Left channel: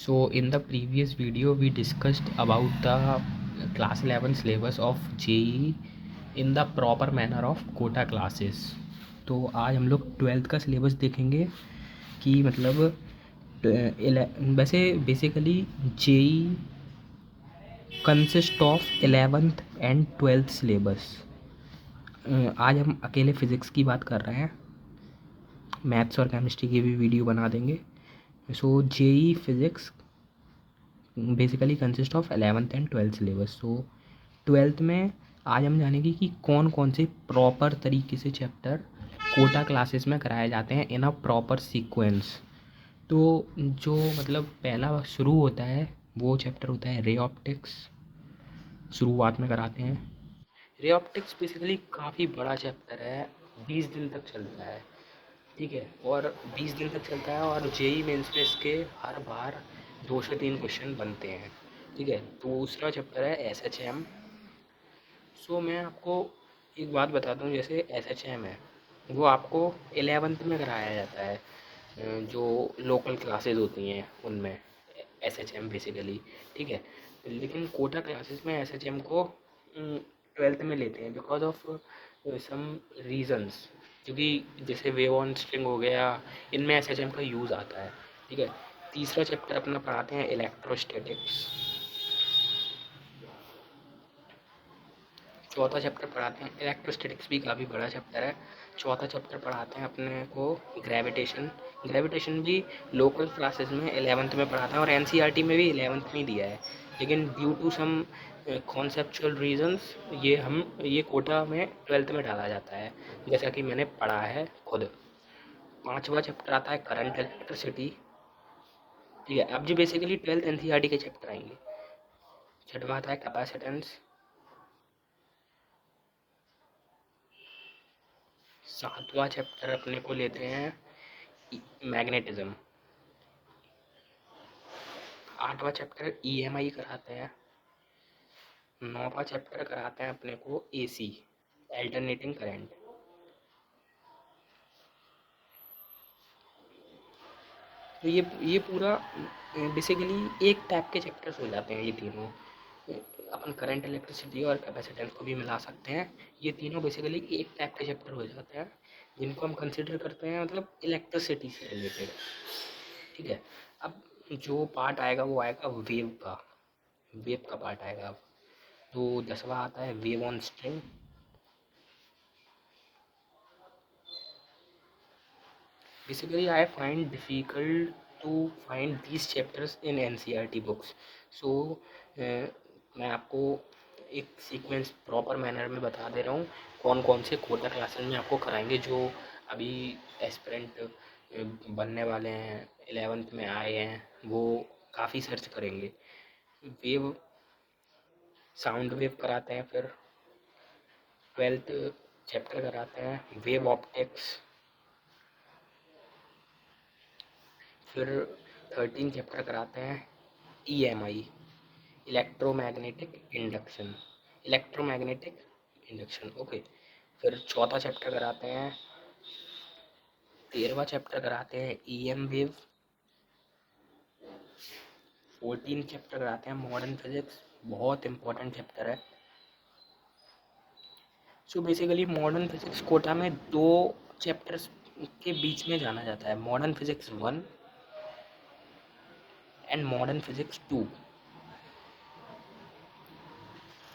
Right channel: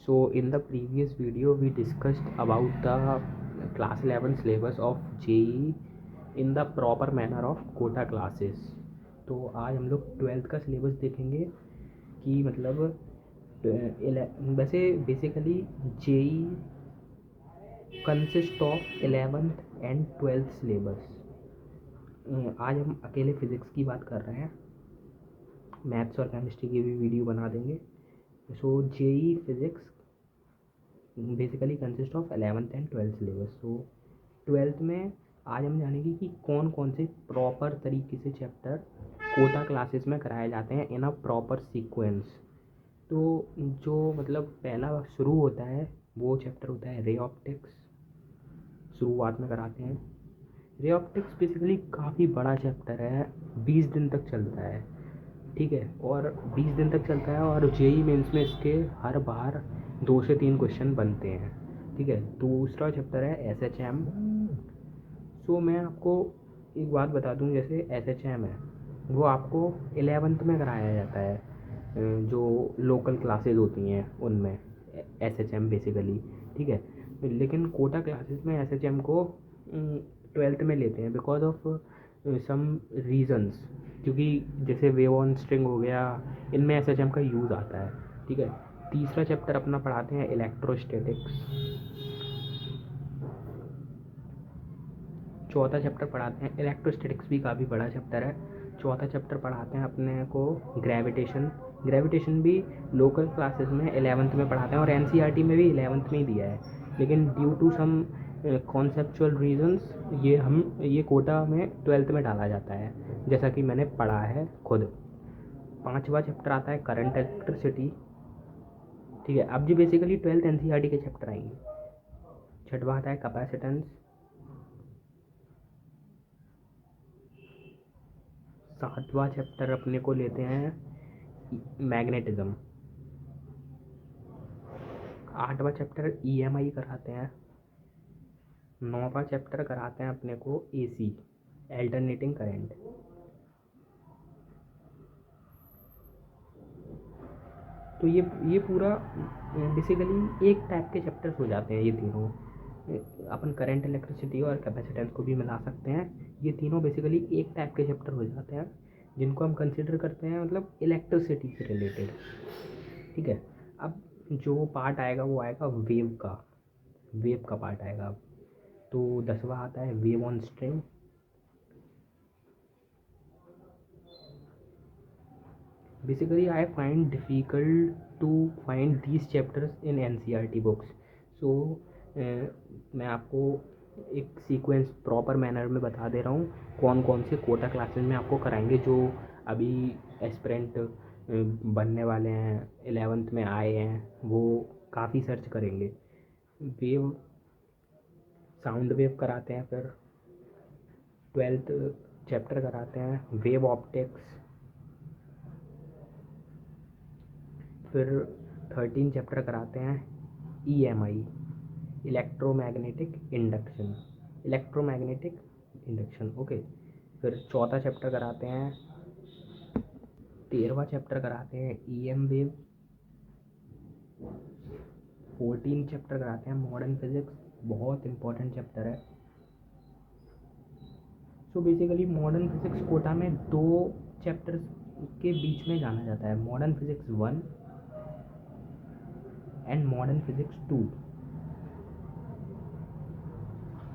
So in the previous video we discussed about the class 11 syllabus of JEE in the proper manner of Kota classes। तो आज हम लोग 12th का syllabus देखेंगे कि मतलब वैसे basically JEE consist of 11th and 12th syllabus. आज हम अकेले फ़िज़िक्स की बात कर रहे हैं, मैथ्स और केमिस्ट्री की भी वीडियो बना देंगे। सो JEE physics basically consist of 11th and 12th syllabus. So 12th में आज हम जानेंगे कि कौन कौन से प्रॉपर तरीके से चैप्टर कोटा क्लासेस में कराए जाते हैं इन अ प्रॉपर सीक्वेंस। तो जो मतलब पहला शुरू होता है वो चैप्टर होता है रे ऑप्टिक्स, शुरुआत में कराते हैं। रे ऑप्टिक्स बेसिकली काफ़ी बड़ा चैप्टर है, 20 दिन तक चलता है, ठीक है। और 20 दिन तक चलता है और JEE मेंस में इसके हर बार 2 से 3 क्वेश्चन बनते हैं, ठीक है। दूसरा चैप्टर है SHM। सो मैं आपको एक बात बता दूं, जैसे SHM है वो आपको 11th में कराया जाता है, जो लोकल क्लासेस होती हैं उनमें SHM बेसिकली, ठीक है। लेकिन कोटा क्लासेस में SHM को 12th में लेते हैं बिकॉज ऑफ सम रीजंस, क्योंकि जैसे वेव ऑन स्ट्रिंग हो गया, इनमें SHM का यूज़ आता है, ठीक है। तीसरा चैप्टर अपना पढ़ाते हैं इलेक्ट्रोस्टैटिक्स। चौथा चैप्टर पढ़ाते हैं इलेक्ट्रोस्टैटिक्स, भी काफ़ी बड़ा चैप्टर है। चौथा चैप्टर पढ़ाते हैं अपने को ग्रेविटेशन। ग्रेविटेशन भी लोकल क्लासेस में 11th में पढ़ाते हैं और NCERT में भी 11th में ही दिया है, लेकिन due to some conceptual reasons ये कोटा में 12th में डाला जाता है, जैसा कि मैंने पढ़ा है खुद। पांचवा चैप्टर आता है करंट इलेक्ट्रिसिटी, ठीक है। अब जो बेसिकली 12th NCERT के चैप्टर आएंगे। छठवा आता है कैपेसिटेंस। सातवां चैप्टर अपने को लेते हैं मैग्नेटिज्म। आठवां चैप्टर EMI कराते हैं। नौवां चैप्टर कराते हैं अपने को AC, अल्टरनेटिंग करंट। तो ये पूरा बेसिकली एक टाइप के चैप्टर्स हो जाते हैं ये तीनों। अपन करंट, इलेक्ट्रिसिटी और कैपेसिटेंस को भी मिला सकते हैं। ये तीनों बेसिकली एक टाइप के चैप्टर हो जाते हैं जिनको हम कंसिडर करते हैं मतलब इलेक्ट्रिसिटी से रिलेटेड, ठीक है। अब जो पार्ट आएगा वो आएगा वेव का पार्ट आएगा अब। तो 10वां आता है wave on string. Basically I find difficult to find these chapters in NCERT books. So मैं आपको एक सीक्वेंस प्रॉपर मैनर में बता दे रहा हूँ कौन कौन से कोटा क्लासेस में आपको कराएंगे, जो अभी एस्पिरेंट बनने वाले हैं, 11th में आए हैं, वो काफ़ी सर्च करेंगे। वेव, साउंड वेव कराते हैं, फिर 12th चैप्टर कराते हैं वेव ऑप्टिक्स, फिर 13 चैप्टर कराते हैं EMI, इलेक्ट्रोमैग्नेटिक इंडक्शन, ओके। फिर चौथा चैप्टर कराते हैं, 13वां चैप्टर कराते हैं EM वेव। 14 चैप्टर कराते हैं मॉडर्न फिजिक्स, बहुत इंपॉर्टेंट चैप्टर है। So basically modern physics Kota में 2 चैप्टर्स के बीच में जाना जाता है, modern physics 1 and modern physics 2।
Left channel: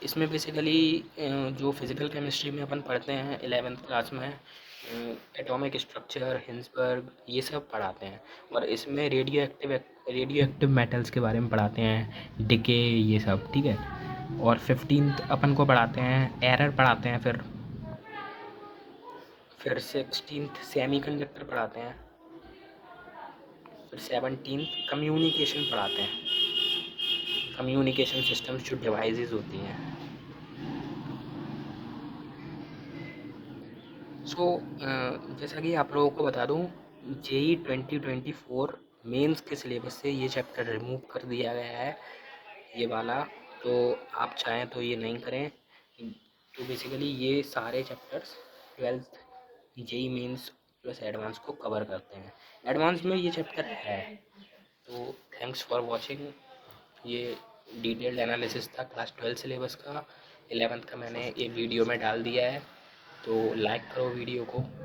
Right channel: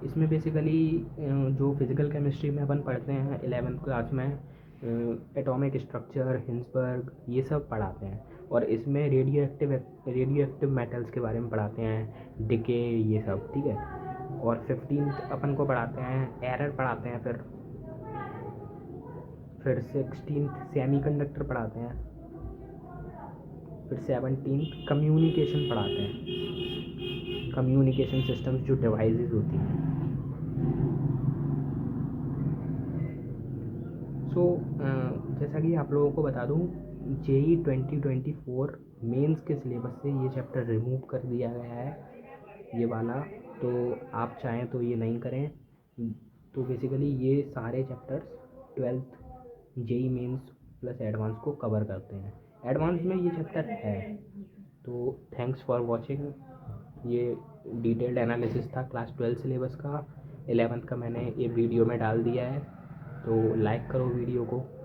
इसमें बेसिकली जो फिज़िकल केमिस्ट्री में अपन पढ़ते हैं 11th क्लास में, एटॉमिक स्ट्रक्चर, हिंसबर्ग, ये सब पढ़ाते हैं। और इसमें रेडियो एक्टिव मेटल्स के बारे में पढ़ाते हैं, डिके, ये सब, ठीक है। और 15th अपन को पढ़ाते हैं एरर पढ़ाते हैं, फिर 16th सेमीकंडक्टर पढ़ाते हैं, फिर 17th कम्युनिकेशन पढ़ाते हैं, कम्युनिकेशन सिस्टम्स जो डिवाइसेस होती हैं। सो जैसा कि आप लोगों को बता दूं, JEE 2024 मेंस के सिलेबस से ये चैप्टर रिमूव कर दिया गया है, ये वाला। तो आप चाहें तो ये नहीं करें। तो बेसिकली ये सारे chapters 12th JEE mains plus advance को कवर करते हैं। एडवांस में ये चैप्टर है, तो थैंक्स फॉर वॉचिंग। ये डिटेल्ड एनालिसिस था क्लास 12 सिलेबस का। 11th का मैंने एक वीडियो में डाल दिया है, तो लाइक करो वीडियो को।